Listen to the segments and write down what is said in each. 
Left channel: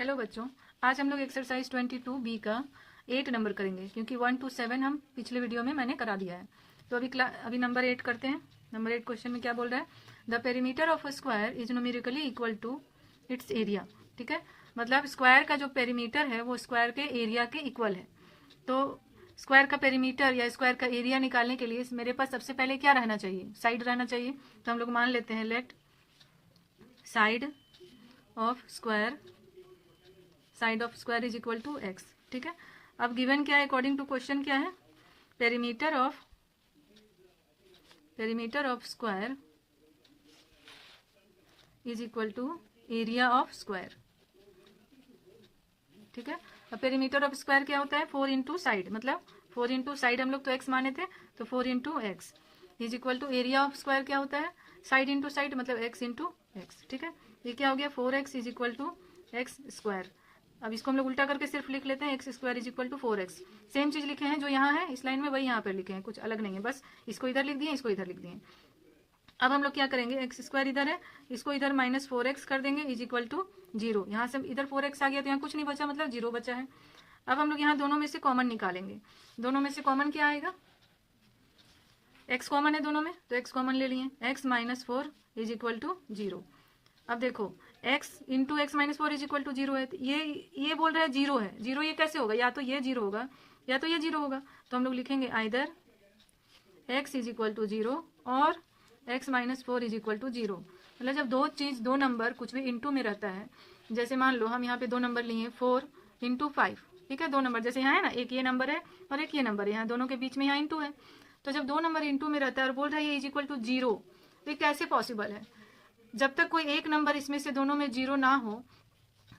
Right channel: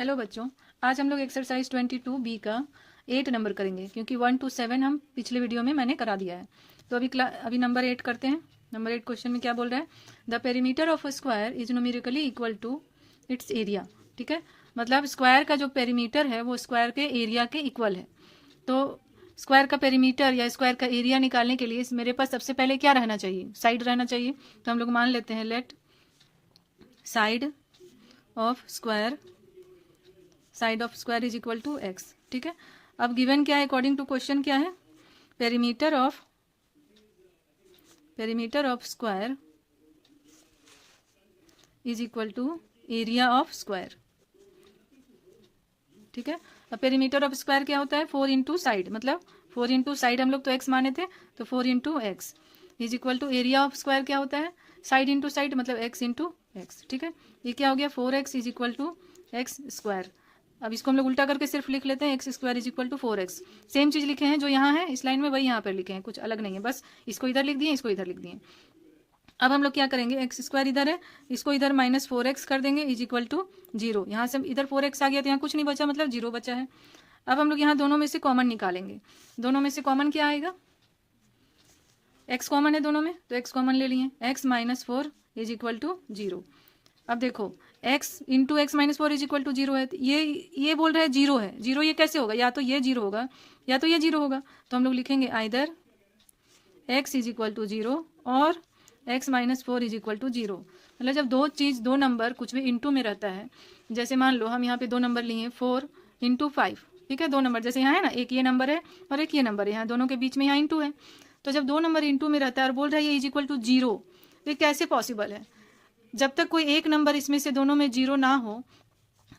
Hello बच्चों, आज हम लोग एक्सरसाइज 22B का 8 नंबर करेंगे क्योंकि 1 to 7 हम पिछले वीडियो में मैंने करा दिया है। तो अभी नंबर 8 करते हैं। नंबर 8 क्वेश्चन में क्या बोल रहा है? The perimeter of a square is numerically equal to its area. ठीक है, मतलब स्क्वायर का जो पेरीमीटर है वो स्क्वायर के एरिया के इक्वल है। तो स्क्वायर का पेरीमीटर या स्क्वायर का एरिया निकालने के लिए मेरे पास सबसे पहले क्या रहना चाहिए? साइड रहना चाहिए। तो हम लोग मान लेते हैं let side of square is equal to x. ठीक है, अब गिवन क्या है? अकॉर्डिंग टू क्वेश्चन क्या है? Perimeter of square is equal to area of square. ठीक है, अब पेरीमीटर ऑफ स्क्वायर क्या होता है? 4 इंटू साइड, मतलब 4 इंटू साइड हम लोग तो एक्स माने थे, तो 4 into x is equal to area of square क्या होता है? साइड इंटू साइड, मतलब एक्स इंटू एक्स। ठीक है, ये क्या हो गया? 4x is equal to x square. अब इसको हम लोग उल्टा करके सिर्फ लिख लेते हैं, x square is equal to 4x। Same चीज लिखे हैं जो यहाँ है इस लाइन में, वही यहाँ पर लिखे हैं, कुछ अलग नहीं है, बस इसको इधर लिख दिए, इसको इधर लिख दिए। अब हम लोग क्या करेंगे? एक्स स्क्वायर इधर है, इसको इधर -4x कर देंगे इज इक्वल टू 0। यहाँ से इधर 4x आ गया तो यहाँ कुछ नहीं बचा, मतलब 0 बचा है। अब हम लोग यहाँ दोनों में से कॉमन निकालेंगे। दोनों में से कॉमन क्या आएगा? x कॉमन है दोनों में, तो x कॉमन ले लिए, x -4 इज इक्वल टू 0। अब देखो x into x -4 is equal to 0 है, तो ये बोल रहा है 0 है। 0 ये कैसे होगा? या तो ये 0 होगा या तो ये 0 होगा। तो हम लोग लिखेंगे either x is equal to 0 और x -4 इज इक्वल टू 0। मतलब जब दो नंबर कुछ भी इंटू में रहता है, जैसे मान लो हम यहाँ पे दो नंबर लिए 4 इंटू 5। ठीक है, दो नंबर जैसे यहाँ है ना, एक ये नंबर है और एक ये नंबर है, यहाँ दोनों के बीच में यहाँ इंटू है। तो जब दो नंबर इंटू में रहता है और बोल रहा है ये इज इक्वल टू 0, तो ये कैसे पॉसिबल है? जब तक कोई एक नंबर इसमें से दोनों में 0 ना हो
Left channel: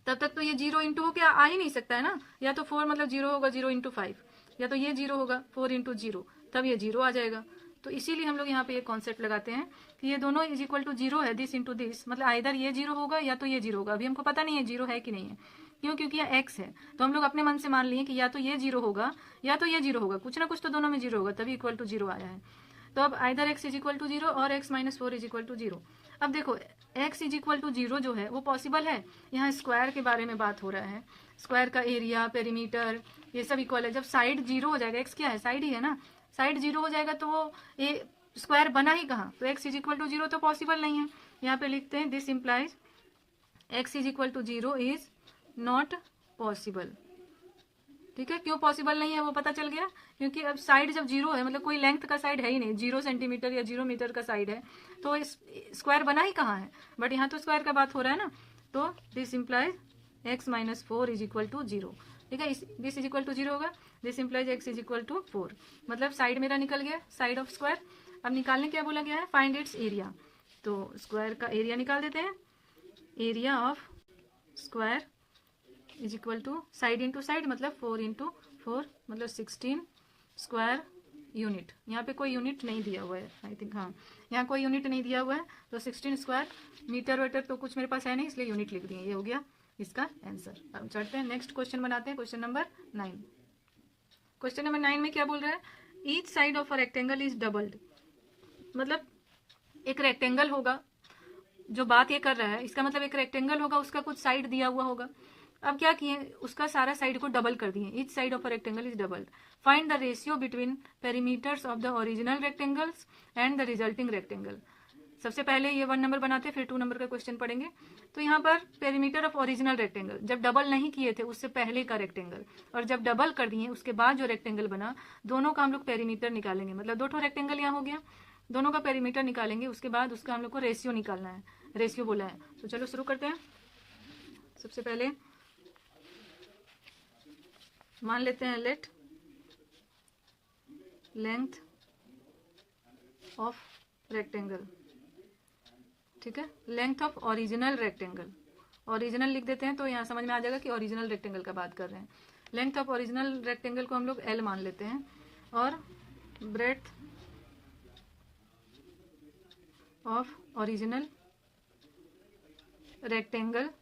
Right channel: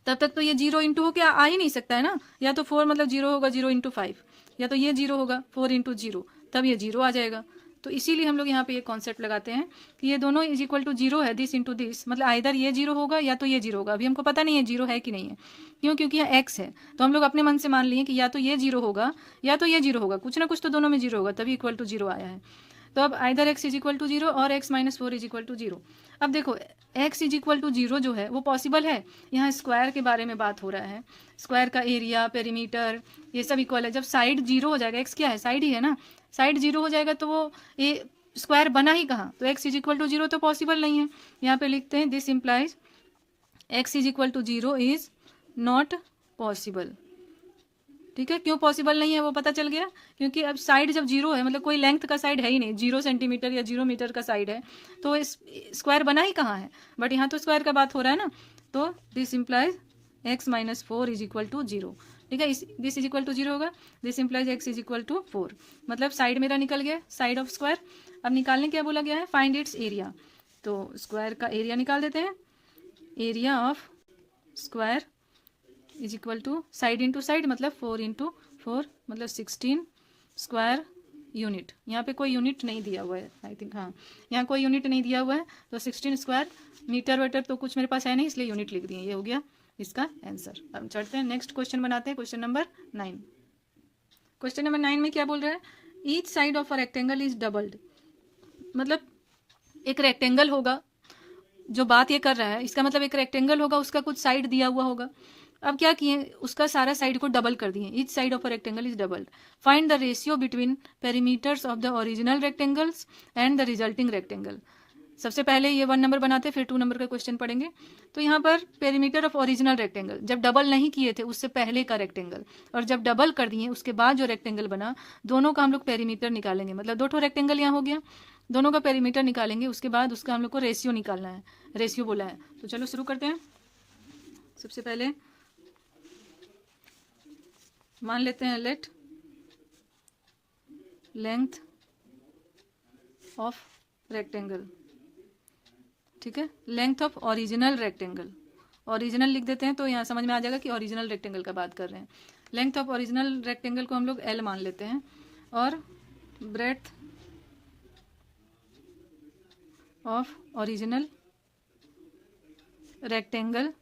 तब तक तो ये 0 इंटू हो के आ ही नहीं सकता है ना। या तो 4 मतलब 0 होगा 0 इंटू 5, या तो ये 0 होगा 4 इंटू 0, तब ये 0 आ जाएगा। तो इसीलिए हम लोग यहाँ पे ये कॉन्सेप्ट लगाते हैं कि ये दोनों इज इक्वल टू 0 है, दिस इंटू दिस, मतलब आइदर ये 0 होगा या तो ये 0 होगा। अभी हमको पता नहीं है 0 है कि नहीं है, क्यों? क्योंकि यह x है, तो हम लोग अपने मन से मान लिए कि या तो ये 0 होगा या तो ये 0 होगा, कुछ ना कुछ तो दोनों में 0 होगा, तभी इक्वल टू 0 आया है। तो अब either x is equal to 0 और x -4 इज इक्वल टू 0। अब देखो x इज इक्वल टू 0 जो है वो पॉसिबल है। यहाँ स्क्वायर के बारे में बात हो रहा है, स्क्वायर का एरिया, पेरीमीटर, ये सब इक्वल है। जब साइड 0 हो जाएगा, x क्या है? साइड ही है ना, साइड 0 हो जाएगा तो वो ये स्क्वायर बना ही कहाँ? तो x इज इक्वल टू 0 तो पॉसिबल नहीं है। यहाँ पे लिखते हैं this implies x is equal to 0 is not possible. ठीक है, क्यों पॉसिबल नहीं है वो पता चल गया, क्योंकि अब साइड जब 0 है, मतलब कोई लेंथ का साइड है ही नहीं, 0 सेंटीमीटर या 0 मीटर का साइड है, तो इस स्क्वायर बना ही कहाँ है? बट यहाँ तो स्क्वायर का बात हो रहा है ना, तो this implies x -4 is equal to 0। ठीक है, दिस इज इक्वल टू 0 होगा, this implies x is equal to 4, मतलब साइड मेरा निकल गया, साइड ऑफ स्क्वायर। अब निकालने क्या बोला गया है? Find its area. तो स्क्वायर का एरिया निकाल देते हैं। Area of square is equal to side into side, मतलब 4 इंटू 4, मतलब 16 स्क्वायर यूनिट। यहाँ पे कोई यूनिट नहीं दिया हुआ है, आई थिंक, हाँ यहाँ कोई यूनिट नहीं दिया हुआ है, तो 16 स्क्वायर मीटर वेटर तो कुछ मेरे पास है नहीं, इसलिए यूनिट लिख दिए। ये हो गया इसका आंसर। अब चढ़ते हैं, नेक्स्ट क्वेश्चन बनाते हैं, क्वेश्चन नंबर 9। क्वेश्चन नंबर 9 में क्या बोल रहा है? Each side of a rectangle is doubled. मतलब एक रेक्टेंगल होगा, जो बात ये कर रहा है इसका मतलब एक रेक्टेंगल होगा, उसका कुछ साइड दिया हुआ होगा। अब क्या किए? उसका सारा साइड को डबल कर दिए। Each side of a rectangle is doubled. Find the ratio between perimeters of the original rectangles and the resulting rectangle. सबसे पहले ये 1 नंबर बनाते हैं, फिर 2 नंबर का क्वेश्चन पढ़ेंगे। तो यहाँ पर पेरीमीटर ऑफ ओरिजिनल रेक्टेंगल, जब डबल नहीं किए थे उससे पहले का रेक्टेंगल, और जब डबल कर दिए उसके बाद जो रेक्टेंगल बना, दोनों का हम लोग पेरीमीटर निकालेंगे। मतलब 2 ठो रेक्टेंगल यहाँ हो गया, दोनों का पेरीमीटर निकालेंगे, उसके बाद उसका हम लोग को रेशियो निकालना है, रेशियो बोला है। तो चलो शुरू करते हैं। सबसे पहले मान लेते हैं लेट लेंथ ऑफ रेक्टेंगल। ठीक है, length of original rectangle, original लिख देते हैं तो यहाँ समझ में आ जाएगा कि ओरिजिनल रेक्टेंगल का बात कर रहे हैं। लेंथ ऑफ ओरिजिनल रेक्टेंगल को हम लोग L मान लेते हैं, और ब्रेड्थ ऑफ ओरिजिनल रेक्टेंगल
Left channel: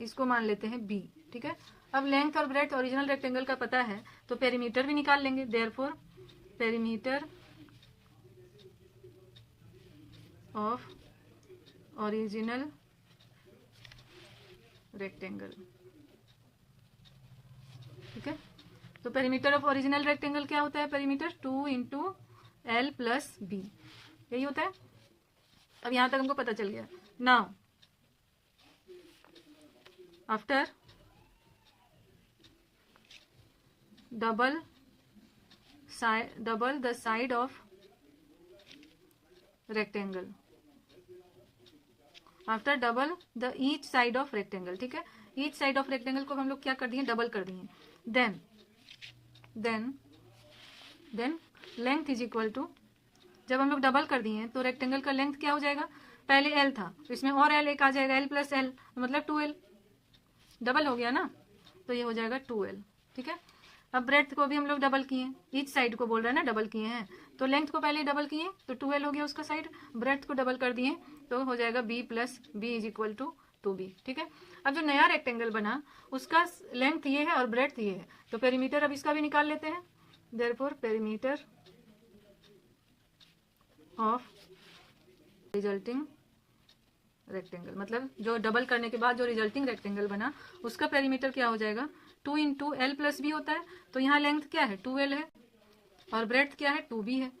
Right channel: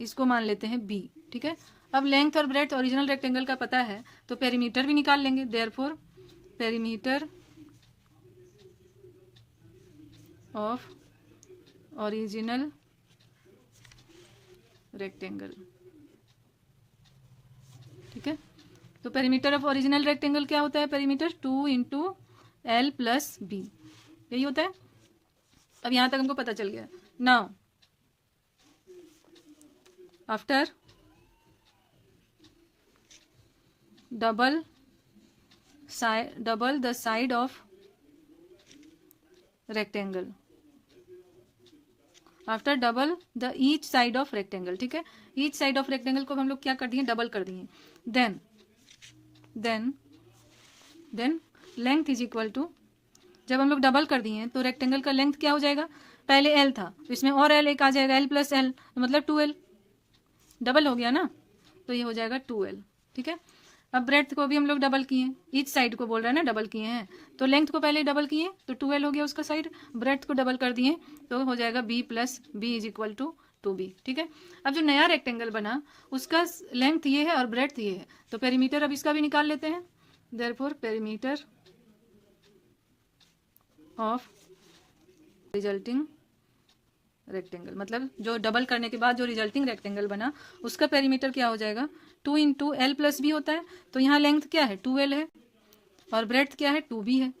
इसको मान लेते हैं B। ठीक है, अब लेंथ और ब्रेड्थ ओरिजिनल रेक्टेंगल का पता है तो पेरीमीटर भी निकाल लेंगे। Therefore perimeter of original rectangle. ठीक है, तो पेरीमीटर ऑफ ओरिजिनल रेक्टेंगल क्या होता है? Perimeter 2 into l plus b, यही होता है। अब यहां तक हमको पता चल गया। Now after double the side of rectangle, after double the each side of rectangle. ठीक है, ईच साइड ऑफ रेक्टेंगल को हम लोग क्या कर दिए? डबल कर दिए। Then length is equal to, जब हम लोग डबल कर दिए तो रेक्टेंगल का लेंथ क्या हो जाएगा? पहले एल था, इसमें और एल एक आ जाएगा, एल प्लस एल, मतलब 2l, डबल हो गया ना, तो ये हो जाएगा 2l। ठीक है, अब ब्रेड्थ को भी हम लोग डबल किए, ईच साइड को बोल रहा है ना, डबल किए हैं, तो लेंथ को पहले डबल किए तो 2l हो गया उसका साइड, ब्रेड्थ को डबल कर दिए तो हो जाएगा b plus b is equal to 2b। ठीक है, अब जो नया रेक्टेंगल बना उसका लेंथ ये है और ब्रेड्थ ये है, तो पेरीमीटर अब इसका भी निकाल लेते हैं। Therefore perimeter of resulting rectangle, मतलब जो डबल करने के बाद जो रिजल्टिंग रेक्टेंगल बना उसका पेरीमीटर क्या हो जाएगा? 2 इंटू एल प्लस बी होता है, तो यहाँ लेंथ क्या है? 2l है, और ब्रेड्थ क्या है? 2b है।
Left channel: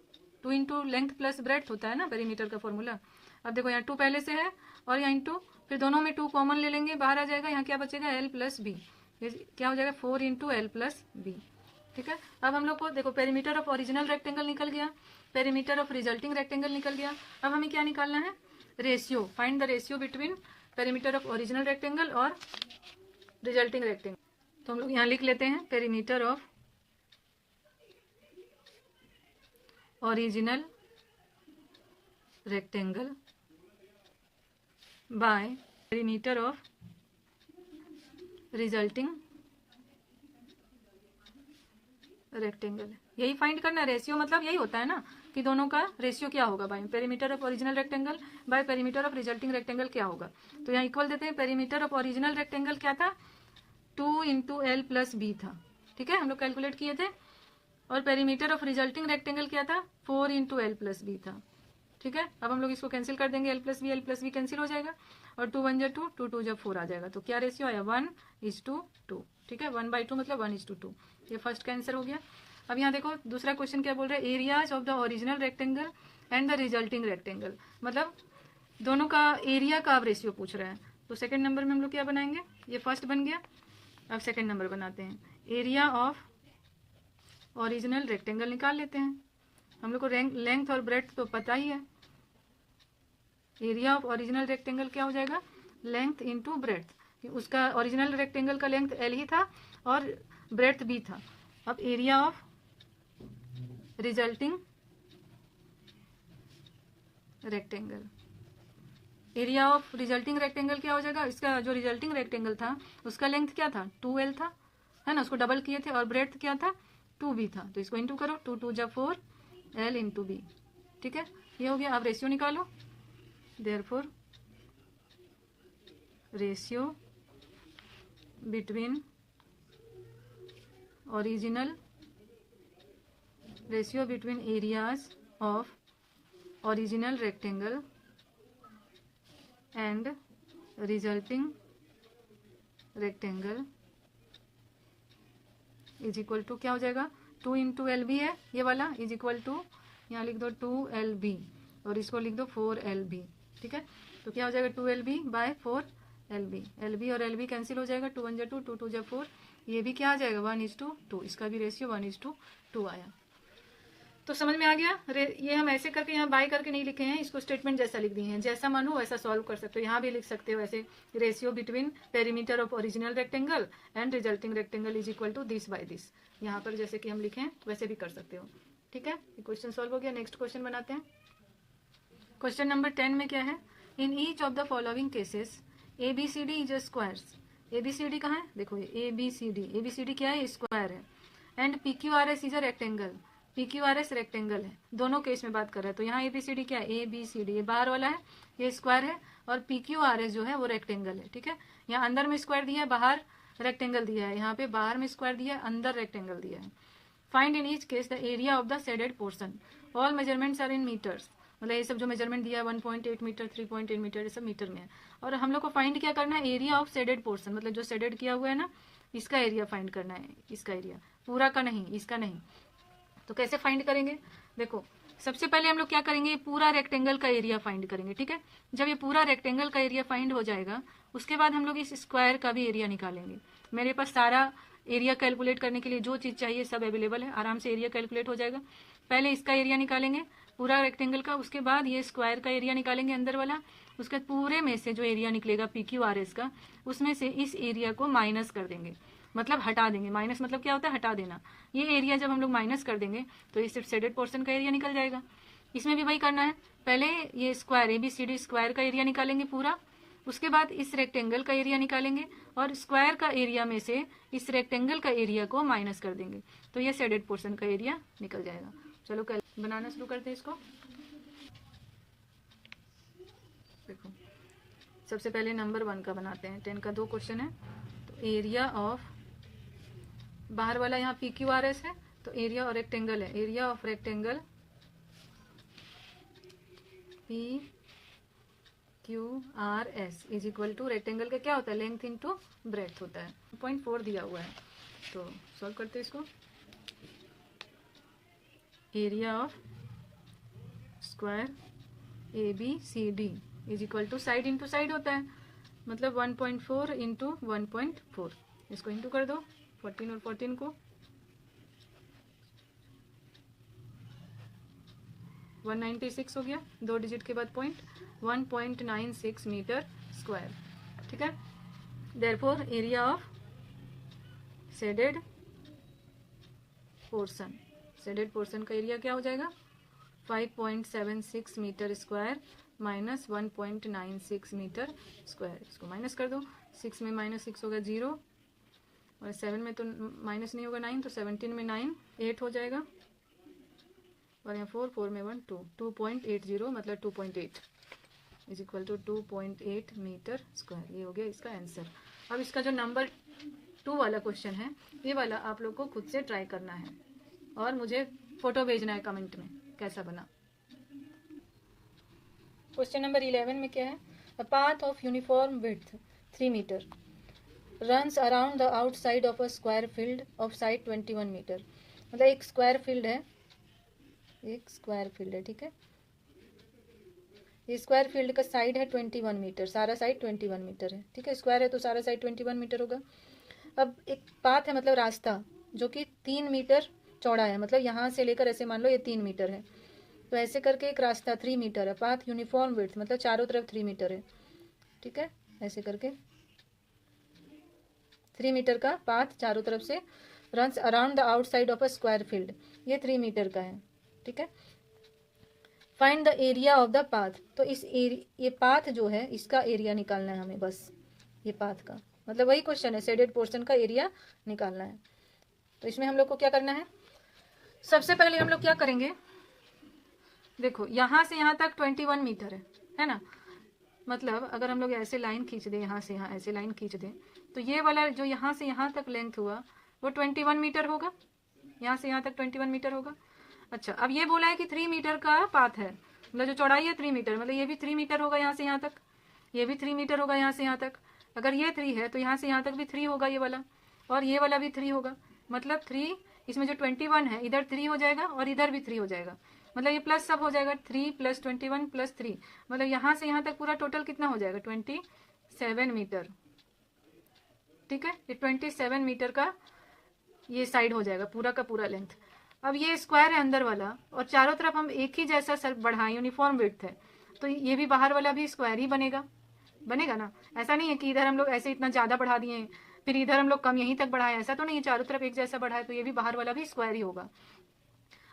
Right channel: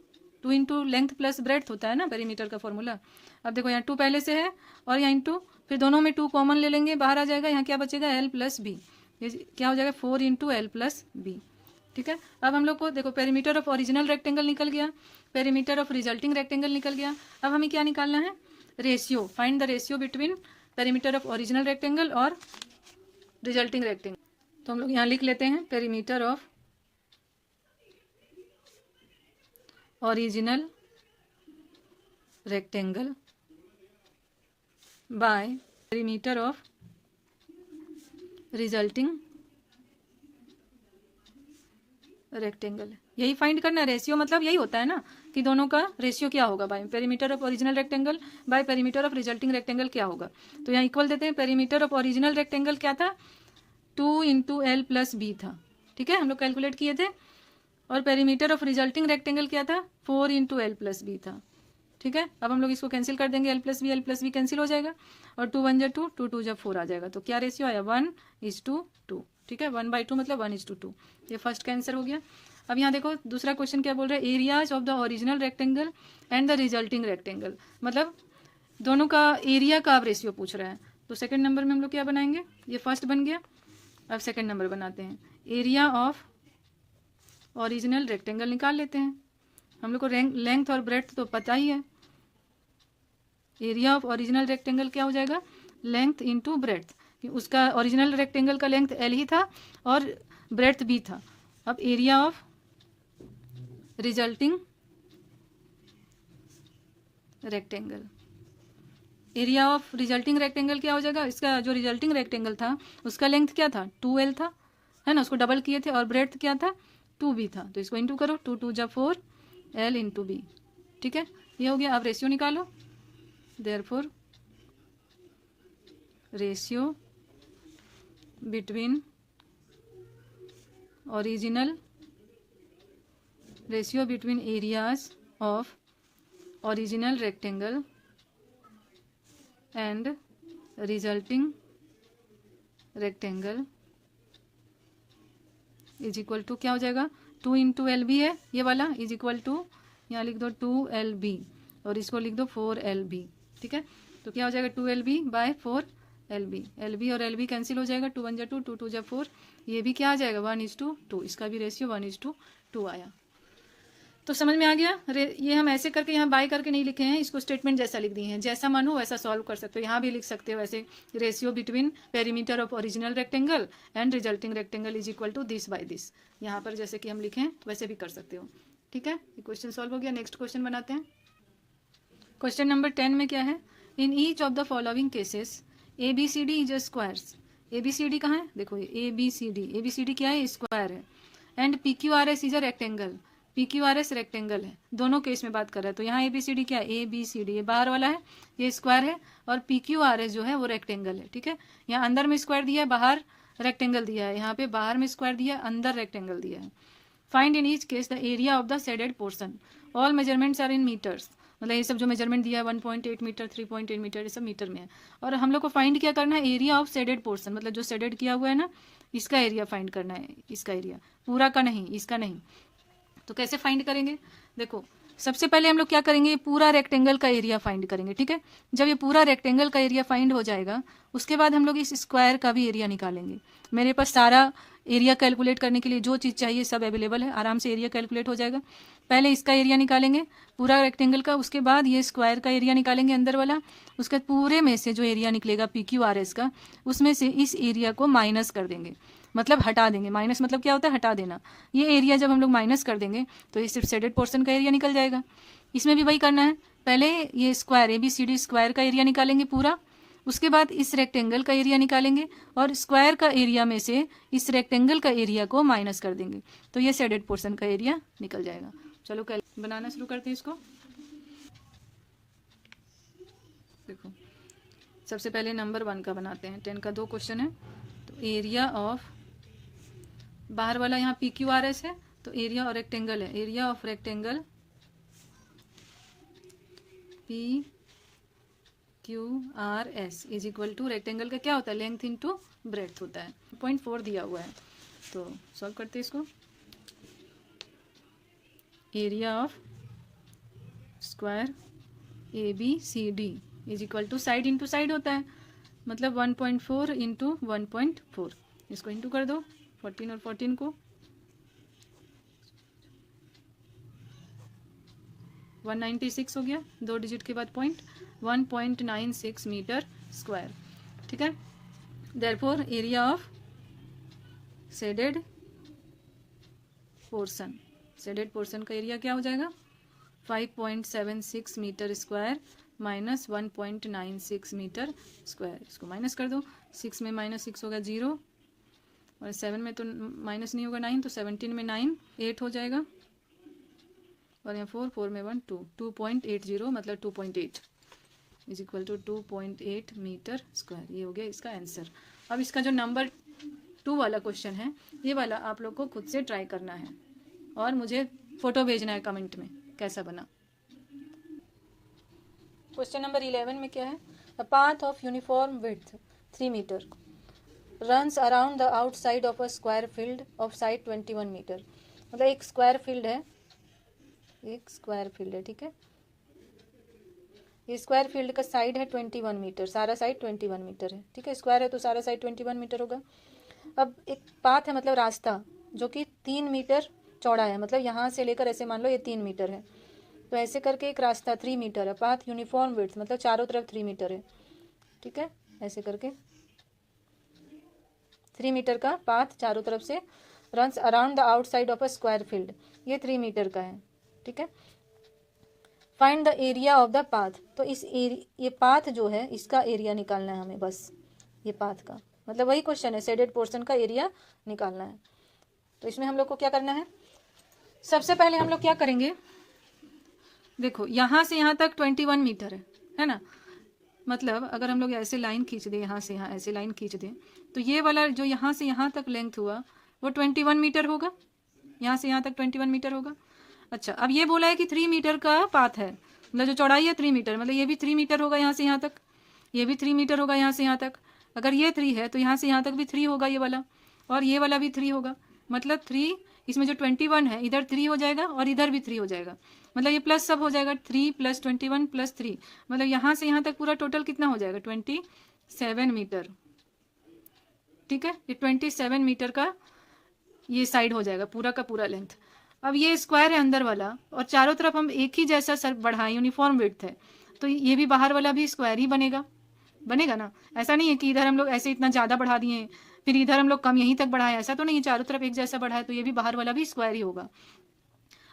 2 इंटू लेंथ प्लस ब्रेड्थ होता है ना पेरीमीटर का फॉर्मूला। अब देखो यहाँ 2 पहले से है और यहाँ इंटू, फिर दोनों में 2 कॉमन ले लेंगे, बाहर आ जाएगा, यहाँ क्या बचेगा? l प्लस बी, ये क्या हो जाएगा? 4 इंटू एल प्लस बी। ठीक है, अब हम लोग को देखो पेरीमीटर ऑफ ओरिजिनल रेक्टेंगल निकल गया, पेरीमीटर ऑफ रिजल्टिंग रेक्टेंगल निकल गया। अब हमें क्या निकालना है? Ratio, find the ratio between perimeter of original rectangle और रिजल्टिंग रेक्टेंगल। तो हम लोग यहाँ लिख लेते हैं perimeter of original rectangle by perimeter of resulting rectangle. यही फाइंड करना, रेशियो मतलब यही होता है ना कि दोनों का रेशियो क्या होगा, by perimeter of original rectangle by perimeter of resulting rectangle क्या होगा। तो यहाँ इक्वल देते हैं, पेरीमीटर ऑफ ओरिजिनल रेक्टेंगल क्या था? 2 इंटू एल प्लस बी था। ठीक है, हम लोग कैलकुलेट किए थे, और पेरीमीटर ऑफ रिजल्टिंग रेक्टेंगल क्या था? 4 इंटू एल प्लस बी था। ठीक है, अब हम लोग इसको कैंसिल कर देंगे, एल प्लस बी कैंसिल हो जाएगा, और 2 1 जा 2, 2 2 जा 4 आ जाएगा, तो क्या रेशियो आया? 1:2। ठीक है, 1/2 मतलब 1:2। ये फर्स्ट का आंसर हो गया। अब यहाँ देखो दूसरा क्वेश्चन क्या बोल रहा है? Areas of the original rectangle and the resulting rectangle, मतलब दोनों का एरिया का अब रेशियो पूछ रहा है। तो सेकंड नंबर में हम लोग क्या बनाएंगे? ये फर्स्ट बन गया, अब सेकंड नंबर बनाते हैं। एरिया ऑफ ओरिजिनल रेक्टेंगल निकाल लेते हैं, हम लोग को लेंथ और ब्रेड्थ तो पता ही है। एरिया ऑफ ओरिजिनल रेक्टेंगल क्या हो जाएगा? लेंथ इंटू ब्रेड्थ, उसका ओरिजिनल रेक्टेंगल का लेंथ एल ही था और ब्रेड्थ भी था। अब area of resulting rectangle, area of resulting rectangle क्या हो जाएगा? इसका जो रिजल्टिंग रेक्टेंगल था उसका लेंथ क्या था? 2l था, है ना, उसको डबल किए थे, और ब्रेड्थ क्या था? 2b था, तो इसको इंटू करो, 2 2 जा 4, l इंटू बी। ठीक है, ये हो गया। अब रेशियो निकालो, therefore ratio between original, ratio between areas of original rectangle and resulting rectangle is equal to क्या हो जाएगा? 2 इंटू एल बी है ये वाला, इज इक्वल टू, यहाँ लिख दो 2lb और इसको लिख दो 4lb। ठीक है, तो क्या हो जाएगा? 2lb बाय 4lb, lb और lb कैंसिल हो जाएगा, 2 1 जा 2, 2 2 जा 4, ये भी क्या आ जाएगा? 1:2, इसका भी रेशियो 1:2 आया। तो समझ में आ गया? ये हम ऐसे करके यहाँ बाय करके नहीं लिखे हैं, इसको स्टेटमेंट जैसा लिख दिए हैं, जैसा मन हो वैसा सॉल्व कर सकते हो। यहाँ भी लिख सकते हो ऐसे, ratio between perimeter of original rectangle and resulting rectangle is equal to this by this. यहाँ पर जैसे कि हम लिखे हैं वैसे भी कर सकते हो। ठीक है, ये क्वेश्चन सॉल्व हो गया। नेक्स्ट क्वेश्चन बनाते हैं। क्वेश्चन नंबर 10 में क्या है? In each of the following cases ABCD is a squares. ABCD कहाँ है? देखो ABCD क्या है? स्क्वायर है। And PQRS is a rectangle, PQRS rectangle है। दोनों केस में बात कर रहा है, तो यहाँ ABCD क्या है? ABCD, ये बाहर वाला है, ये स्क्वायर है, और PQRS जो है वो रेक्टेंगल है। ठीक है, यहाँ अंदर में स्क्वायर दिया है, बाहर रेक्टेंगल दिया है, यहाँ पे बाहर में स्क्वायर दिया है, अंदर रेक्टेंगल दिया है। Find in each case the area of the shaded portion, all measurements are in metres. मतलब ये सब जो मेजरमेंट दिया है 1.8 मीटर, 3.8 मीटर, ये सब मीटर में है। और हम लोग को फाइंड क्या करना है, एरिया ऑफ शेडेड पोर्शन, मतलब जो शेडेड किया हुआ है ना, इसका एरिया फाइंड करना है, इसका एरिया, पूरा का नहीं, इसका नहीं। तो कैसे फाइंड करेंगे, देखो सबसे पहले हम लोग क्या करेंगे, ये पूरा रेक्टेंगल का एरिया फाइंड करेंगे, ठीक है। जब ये पूरा रेक्टेंगल का एरिया फाइंड हो जाएगा, उसके बाद हम लोग इस स्क्वायर का भी एरिया निकालेंगे। मेरे पास सारा एरिया कैलकुलेट करने के लिए जो चीज़ चाहिए सब अवेलेबल है, आराम से एरिया कैलकुलेट हो जाएगा। पहले इसका एरिया निकालेंगे पूरा रेक्टेंगल का, उसके बाद ये स्क्वायर का एरिया निकालेंगे अंदर वाला, उसके पूरे में से जो एरिया निकलेगा PQRS का, उसमें से इस एरिया को माइनस कर देंगे, मतलब हटा देंगे। माइनस मतलब क्या होता है, हटा देना। ये एरिया जब हम लोग माइनस कर देंगे तो ये सिर्फ शेडेड पोर्शन का एरिया निकल जाएगा। इसमें भी वही करना है, पहले ये स्क्वायर ABCD स्क्वायर का एरिया निकालेंगे पूरा, उसके बाद इस रेक्टेंगल का एरिया निकालेंगे और स्क्वायर का एरिया में से इस रेक्टेंगल का एरिया को माइनस कर देंगे, तो ये शेडेड पोर्शन का एरिया निकल जाएगा। चलो बनाना शुरू करते हैं इसको। देखो सबसे पहले नंबर 1 का बनाते हैं, 10 का 2 क्वेश्चन है। तो एरिया ऑफ, बाहर वाला यहाँ PQRS है, तो एरिया और रेक्टेंगल है, area of rectangle PQRS is equal to, rectangle का क्या होता है, लेंथ इंटू ब्रेड्थ होता है, 0.4 दिया हुआ है। तो सॉल्व करते हैं इसको। Area of square ABCD is equal to, side into side होता है, मतलब 1.4 इंटू 1.4, इसको इंटू कर दो 14 और 14 को, 196 हो गया, 2 डिजिट के बाद पॉइंट, 1.96 मीटर स्क्वायर, ठीक है। Therefore area of shaded portion, shaded portion का एरिया क्या हो जाएगा, 5.76 metre square minus 1.96 metre square, इसको माइनस कर दो, 6 में -6 होगा 0, और 7 में तो माइनस नहीं होगा 9, तो 17 में 9 8 हो जाएगा, और यहाँ 4 में 1 2, 2.80 मतलब 2.8 is equal to 2.8 metre square. ये हो गया इसका आंसर। अब इसका जो नंबर 2 वाला क्वेश्चन है, ये वाला आप लोग को खुद से ट्राई करना है और मुझे फोटो भेजना है कमेंट में कैसा बना। क्वेश्चन नंबर 11 में क्या है, a path of uniform width 3 metre runs around the outside of a square field of side 21 metre. मतलब एक स्क्वायर फील्ड है, एक स्क्वायर फील्ड है, ठीक है। ये स्क्वायर फील्ड का साइड है 21 मीटर, सारा साइड 21 मीटर है, ठीक है। स्क्वायर है तो सारा साइड 21 मीटर होगा। अब एक पाथ है, मतलब रास्ता, जो कि 3 मीटर चौड़ा है, मतलब यहाँ से लेकर ऐसे मान लो ये 3 मीटर है, तो ऐसे करके एक रास्ता 3 मीटर है। पाथ यूनिफॉर्म विड्थ मतलब चारों तरफ 3 मीटर है, ठीक है। ऐसे करके 3 मीटर का पाथ चारों तरफ से runs around the outside of a square field, ये 3 मीटर का है, ठीक है। Find the area of the path, तो इस ये पाथ जो है इसका एरिया निकालना है हमें, बस ये पाथ का, मतलब वही क्वेश्चन है, शेडेड पोर्शन का एरिया निकालना है। तो इसमें हम लोग को क्या करना है, सबसे पहले हम लोग क्या करेंगे, देखो यहाँ से यहाँ तक 21 मीटर है ना। मतलब अगर हम लोग ऐसे लाइन खींच दें, यहाँ से यहाँ ऐसे लाइन खींच दें, तो ये वाला जो यहाँ से यहाँ तक लेंथ हुआ वो 21 मीटर होगा, यहाँ से यहाँ तक 21 मीटर होगा। अच्छा, अब ये बोला है कि 3 मीटर का पाथ है, मतलब जो चौड़ाई है 3 मीटर, मतलब ये भी 3 मीटर होगा यहाँ से यहाँ तक, ये भी 3 मीटर होगा यहाँ से यहाँ तक। अगर ये 3 है तो यहाँ से यहाँ तक भी 3 होगा ये वाला, और ये वाला भी 3 होगा, मतलब 3, इसमें जो 21 है इधर 3 हो जाएगा और इधर भी 3 हो जाएगा, मतलब ये प्लस सब हो जाएगा, 3 + 21 + 3, मतलब यहाँ से यहाँ तक पूरा टोटल कितना हो जाएगा, 27 मीटर, ठीक है। ये 27 मीटर का ये साइड हो जाएगा, पूरा का पूरा लेंथ। अब ये स्क्वायर है अंदर वाला, और चारों तरफ हम एक ही जैसा सर बढ़ाएं, यूनिफॉर्म विड्थ है, तो ये भी बाहर वाला भी स्क्वायर ही बनेगा ना। ऐसा नहीं है कि इधर हम लोग ऐसे इतना ज़्यादा बढ़ा दिए फिर इधर हम लोग कम यहीं तक बढ़ाएं, ऐसा तो नहीं है, चारों तरफ एक जैसा बढ़ाए तो ये भी बाहर वाला भी स्क्वायर ही होगा।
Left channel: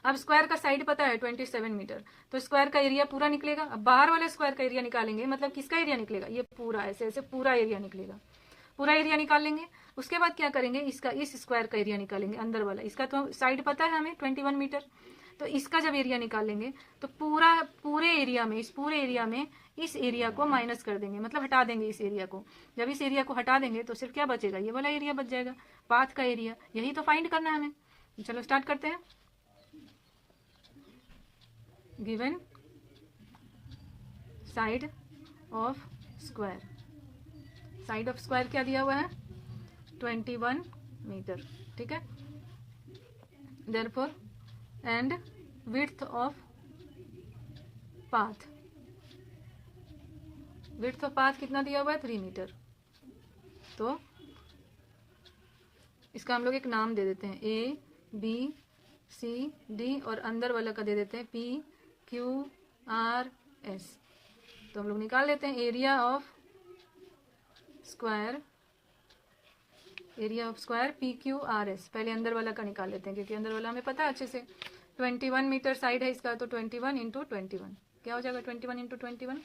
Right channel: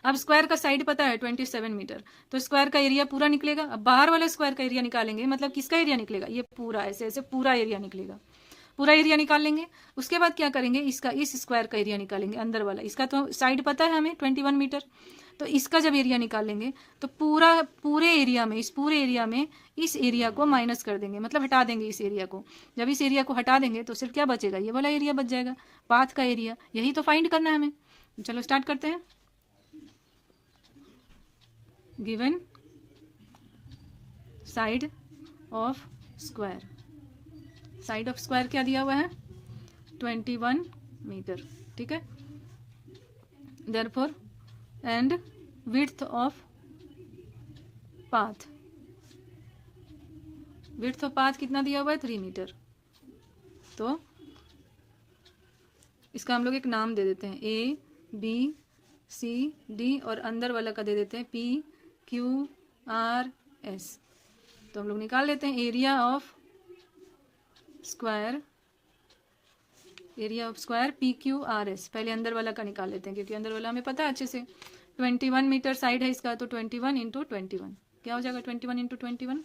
अब स्क्वायर का साइड पता है 27 मीटर, तो स्क्वायर का एरिया पूरा निकलेगा। अब बाहर वाले स्क्वायर का एरिया निकालेंगे, मतलब किसका एरिया निकलेगा, ये पूरा ऐसे ऐसे पूरा एरिया निकलेगा, पूरा एरिया निकाल लेंगे। उसके बाद क्या करेंगे, इसका इस स्क्वायर का एरिया निकालेंगे अंदर वाला, इसका तो साइड पता है हमें 21 मीटर, तो इसका जब एरिया निकालेंगे तो पूरे एरिया में, इस पूरे एरिया में इस एरिया को माइनस कर देंगे, मतलब हटा देंगे इस एरिया को। जब इस एरिया को हटा देंगे तो सिर्फ क्या बचेगा, ये वाला एरिया बच जाएगा, पाथ का एरिया। यही तो फाइंड करना है हमें। चलो स्टार्ट करते हैं। Given side of square, side of square क्या दिया हुआ है 21 मीटर, ठीक है। Therefore and width of path, width of path कितना दिया हुआ है 3 मीटर। तो इसका हम लोग एक नाम दे देते हैं ए बी सी डी और अंदर वाला का दे देते हैं पी क्यू आर एस। तो हम लोग निकाल लेते हैं area of square, area of square P Q R S. पहले अंदर वाला का निकाल लेते हैं क्योंकि अंदर वाला हमें पता है अच्छे से। 21 मीटर साइड है इसका, तो 21 इंटू 21 क्या हो जाएगा 21 इंटू 21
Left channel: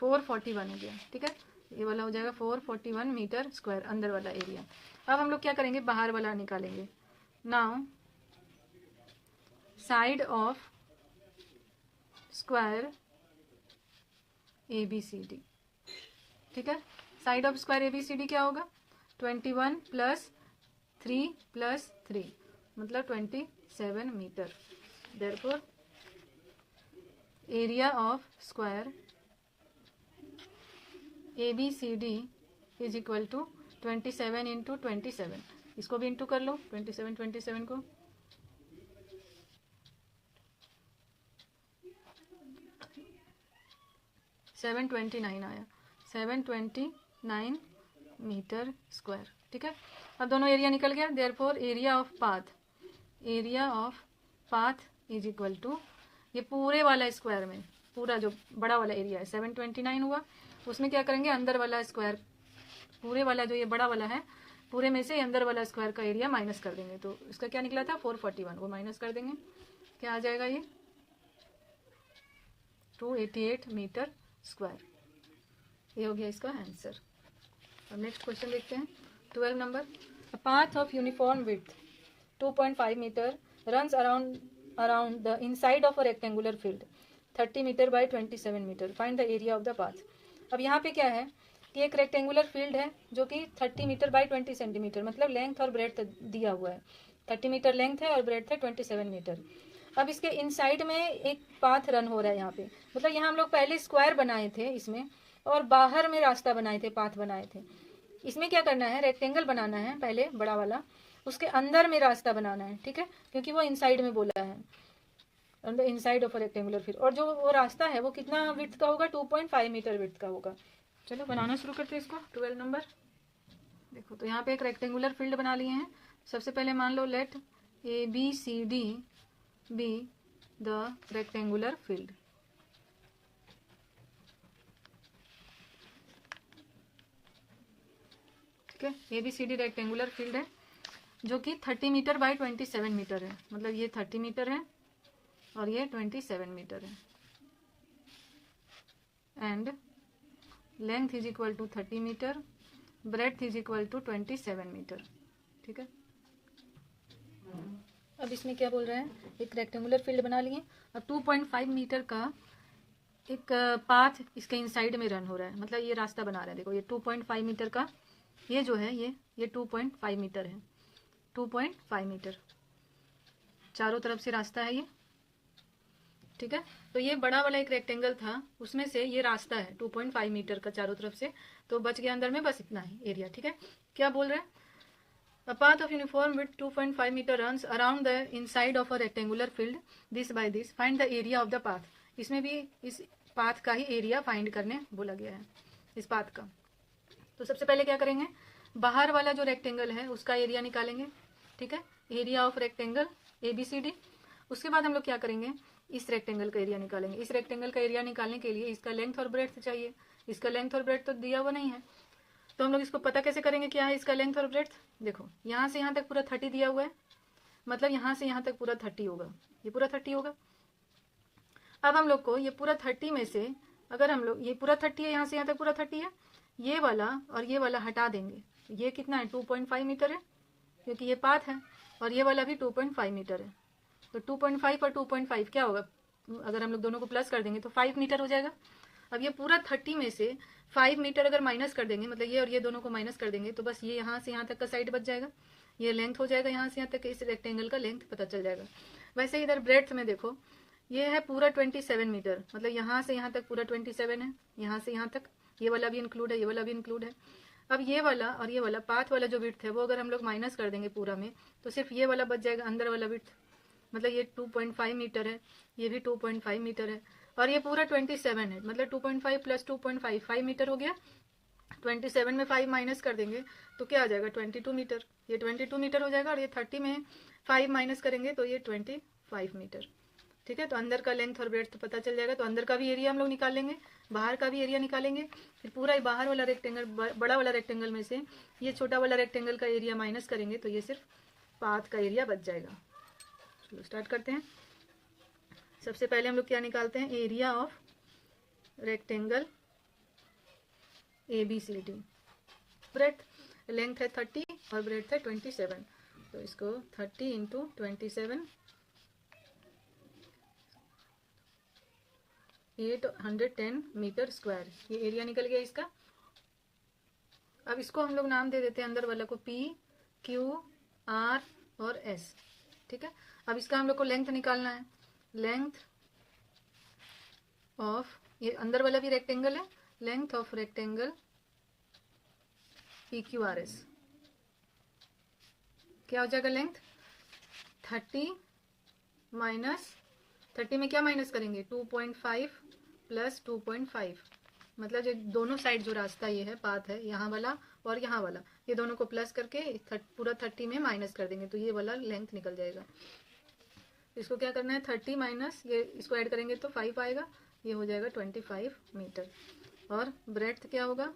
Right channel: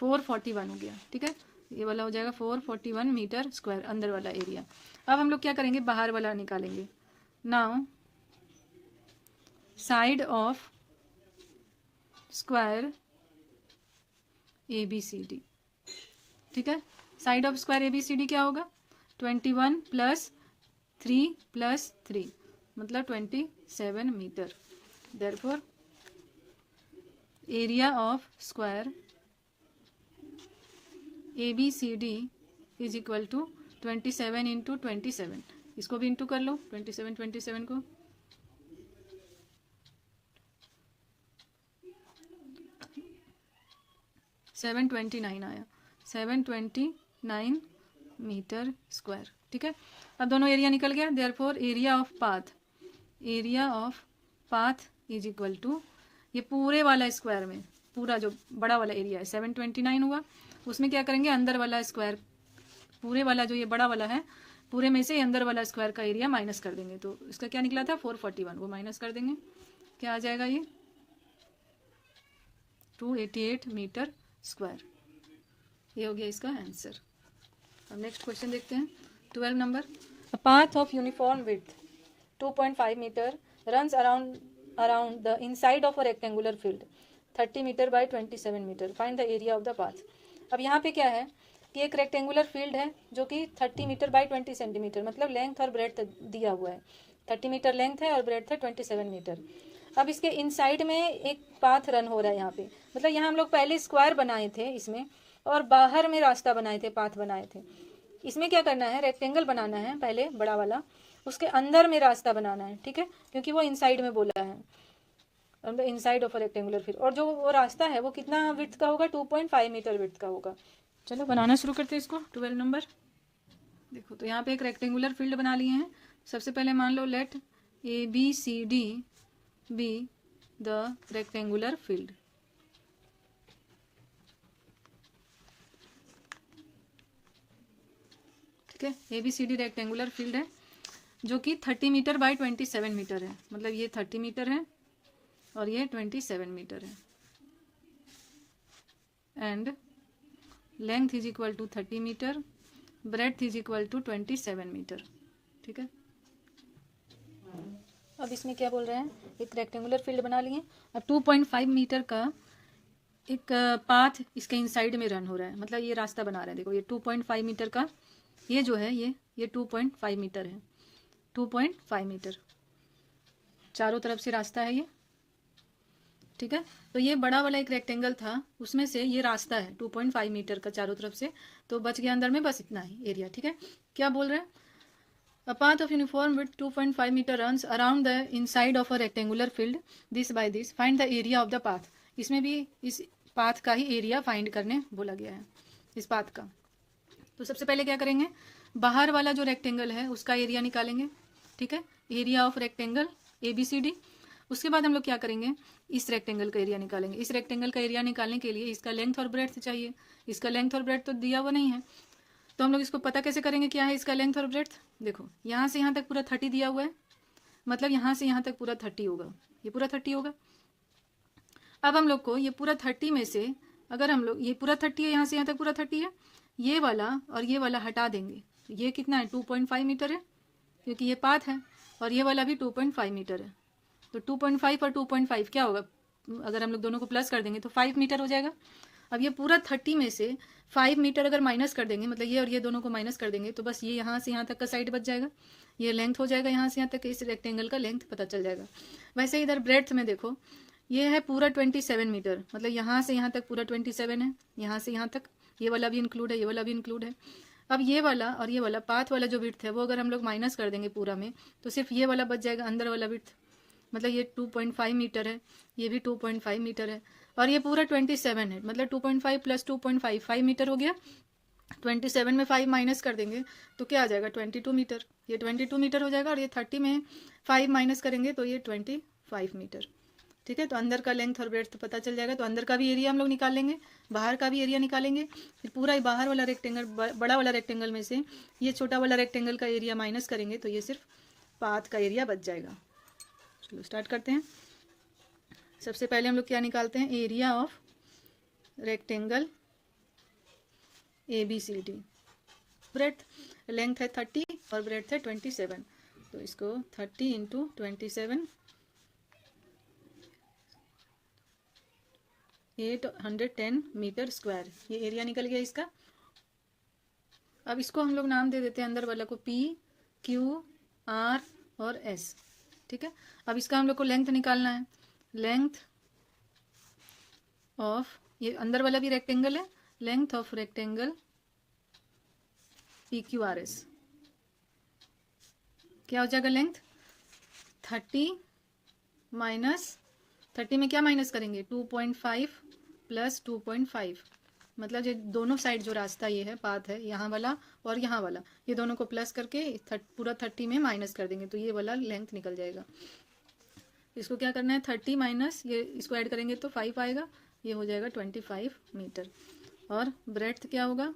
441 हो गया, ठीक है। ये वाला हो जाएगा 441 मीटर स्क्वायर अंदर वाला एरिया। अब हम लोग क्या करेंगे बाहर वाला निकालेंगे। Now side of square A B C D, ठीक है। Side of square A B C D क्या होगा 21 प्लस 3 प्लस 3 मतलब 27 metre. Therefore area of square A B C D is equal to 27 into 27, इसको भी इंटू कर लो 27 को, seven 29 आया, 729 मीटर स्क्वायर, ठीक है। अब दोनों एरिया निकल गया। Therefore area of path, area of path is equal to ये पूरे वाला स्क्वायर में पूरा जो बड़ा वाला एरिया है 729 हुआ, उसमें क्या करेंगे अंदर वाला स्क्वायर, पूरे वाला जो ये बड़ा वाला है पूरे में से अंदर वाला स्क्वायर का एरिया माइनस कर देंगे। तो इसका क्या निकला था 441, वो माइनस कर देंगे, क्या आ जाएगा ये 288 मीटर स्क्वायर। ये हो गया इसका आंसर। अब नेक्स्ट क्वेश्चन देखते हैं 12 नंबर। A path of uniform width 2.5 metre runs around the inside of a rectangular field 30 metre by 27 metre, find the area of the path. अब यहाँ पे क्या है कि एक रेक्टेंगुलर फील्ड है जो कि 30 मीटर बाय 20 सेंटीमीटर मतलब लेंथ और ब्रेड्थ दिया हुआ है, 30 मीटर लेंथ है और ब्रेड्थ है 27 मीटर। अब इसके इनसाइड में एक पाथ रन हो रहा है यहाँ पे, मतलब यहाँ हम लोग पहले स्क्वायर बनाए थे इसमें और बाहर में रास्ता बनाए थे, पाथ बनाए थे। इसमें क्या करना है रेक्टेंगल बनाना है पहले बड़ा वाला, उसके अंदर में रास्ता बनाना है, ठीक है, क्योंकि वो इनसाइड में बोला है on the inside of a rectangular field. और जो वो रास्ता है वो कितना विड्थ का होगा 2.5 मीटर विड्थ का होगा। चलो बनाना शुरू करते हैं इसको 12 नंबर। देखो तो यहाँ पे एक रेक्टेंगुलर फील्ड बना लिए हैं। सबसे पहले मान लो let A B C D be the rectangular field, ठीक है। A B C D rectangular field है जो कि 30 मीटर बाय 27 मीटर है, मतलब ये 30 मीटर है और ये 27 मीटर है and length is equal to 30 metre, breadth is equal to 27 metre, ठीक है। अब इसमें क्या बोल रहा है एक रेक्टेंगुलर फील्ड बना लिए। अब 2.5 मीटर का एक पाथ इसके इनसाइड में रन हो रहा है, मतलब ये रास्ता बना रहा है। देखो ये 2.5 मीटर का ये जो है ये 2.5 मीटर है, 2.5 मीटर चारों तरफ से रास्ता है ये, ठीक है। तो ये बड़ा वाला एक रेक्टेंगल था उसमें से ये रास्ता है 2.5 मीटर का चारों तरफ से, तो बच गया अंदर में बस इतना ही एरिया, ठीक है। क्या बोल रहे हैं a path of uniform width 2.5 metre runs around the inside of a rectangular field this by this, find the area of the path. इसमें भी इस पाथ का ही एरिया फाइंड करने बोला गया है इस पाथ का। तो सबसे पहले क्या करेंगे बाहर वाला जो रेक्टेंगल है उसका एरिया निकालेंगे, ठीक है, area of rectangle A B C D. उसके बाद हम लोग क्या करेंगे इस रेक्टेंगल का एरिया निकालेंगे। इस रेक्टेंगल का एरिया निकालने के लिए इसका लेंथ और ब्रेड्थ चाहिए, इसका लेंथ और ब्रेड्थ तो दिया हुआ नहीं है, तो हम लोग इसको पता कैसे करेंगे क्या है इसका लेंथ और ब्रेड्थ। देखो यहाँ से यहाँ तक पूरा 30 दिया हुआ है, मतलब यहाँ से यहाँ तक पूरा 30 होगा, ये पूरा 30 होगा। अब हम लोग को ये पूरा 30 में से अगर हम लोग ये पूरा 30 है, यहाँ से यहाँ तक पूरा 30 है, ये वाला और ये वाला हटा देंगे, ये कितना है 2.5 मीटर है क्योंकि ये पाथ है, और ये वाला भी 2.5 मीटर है। तो 2.5 और 2.5 क्या होगा अगर हम लोग दोनों को प्लस कर देंगे तो 5 मीटर हो जाएगा। अब ये पूरा 30 में से 5 मीटर अगर माइनस कर देंगे, मतलब ये और ये दोनों को माइनस कर देंगे, तो बस ये यहाँ से यहाँ तक का साइड बच जाएगा। ये लेंथ हो जाएगा यहाँ से यहाँ तक, इस रेक्टेंगल का लेंथ पता चल जाएगा। वैसे इधर ब्रेड्थ में देखो, ये है पूरा 27 मीटर, मतलब यहाँ से यहाँ तक पूरा 27 है, यहाँ से यहाँ तक, ये वाला भी इंक्लूड है, ये वाला भी इंक्लूड है। अब ये वाला और ये वाला पाथ वाला जो विड्थ है वो अगर हम लोग माइनस कर देंगे पूरा में, तो सिर्फ ये वाला बच जाएगा अंदर वाला विड्थ, मतलब ये 2.5 मीटर है, ये भी 2.5 मीटर है, और ये पूरा 27 है, मतलब 2.5 प्लस 2.5 5 मीटर हो गया। 27 में 5 माइनस कर देंगे तो क्या आ जाएगा 22 मीटर, ये 22 मीटर हो जाएगा, और ये 30 में 5 माइनस करेंगे तो ये 25 मीटर। ठीक है, तो अंदर का लेंथ और ब्रेड्थ पता चल जाएगा। तो अंदर का भी एरिया हम लोग निकाल लेंगे, बाहर का भी एरिया निकालेंगे, फिर पूरा ही बाहर वाला रेक्टेंगल, बड़ा वाला रेक्टेंगल में से ये छोटा वाला रेक्टेंगल का एरिया माइनस करेंगे तो ये सिर्फ पाथ का एरिया बच जाएगा। चलो स्टार्ट करते हैं। सबसे पहले हम लोग क्या निकालते हैं, area of rectangle ABCD। Breadth, length है 30 और ब्रेड्थ है 27, तो इसको 30 इंटू 27 810 मीटर स्क्वायर, ये एरिया निकल गया इसका। अब इसको हम लोग नाम दे देते हैं अंदर वाला को P, Q, R और S। ठीक है, अब इसका हम लोग को लेंथ निकालना है। लेंथ ऑफ, ये अंदर वाला भी रेक्टेंगल है, लेंथ ऑफ रेक्टेंगल PQRS क्या हो जाएगा, लेंथ 30 माइनस 30 में क्या माइनस करेंगे 2.5 प्लस 2.5, मतलब जो दोनों साइड जो रास्ता ये है पाथ है, यहाँ वाला और यहाँ वाला, ये दोनों को प्लस करके पूरा 30 में माइनस कर देंगे तो ये वाला लेंथ निकल जाएगा। इसको क्या करना है 30 माइनस ये, इसको ऐड करेंगे तो 5 आएगा, ये हो जाएगा 25 मीटर। और ब्रेड्थ क्या होगा,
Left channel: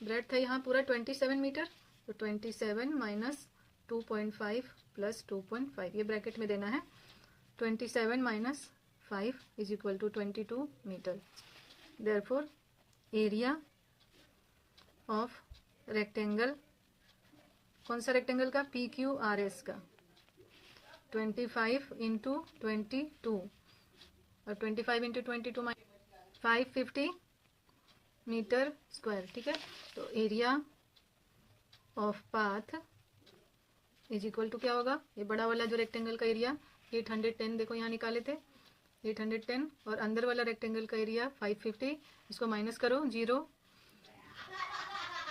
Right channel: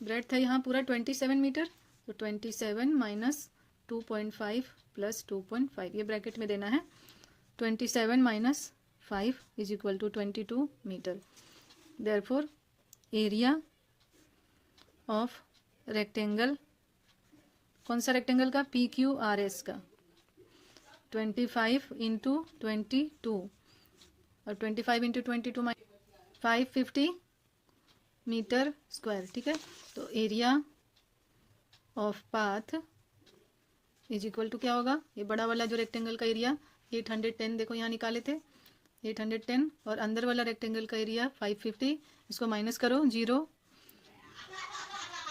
ब्रेड्थ है यहाँ पूरा 27 मीटर, तो 27 माइनस 2.5 प्लस 2.5, ये ब्रैकेट में देना है। 27 minus 5 is equal to 22 metre. Therefore area of rectangle, कौन सा रेक्टेंगल का, PQRS का, 25 इंटू 22 और 25 इंटू 22 550 मीटर स्क्वायर। ठीक है, तो area of path is equal to क्या होगा, ये बड़ा वाला जो रेक्टेंगल का एरिया 810 देखो यहाँ निकाले थे 810, और अंदर वाला रेक्टेंगल का एरिया 550, इसको माइनस करो 0,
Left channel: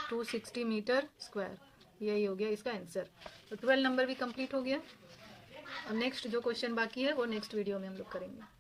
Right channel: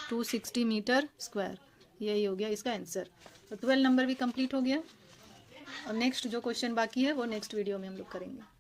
260 मीटर स्क्वायर, यही हो गया इसका आंसर। तो 12 नंबर भी कंप्लीट हो गया। और नेक्स्ट जो क्वेश्चन बाकी है वो नेक्स्ट वीडियो में हम लोग करेंगे।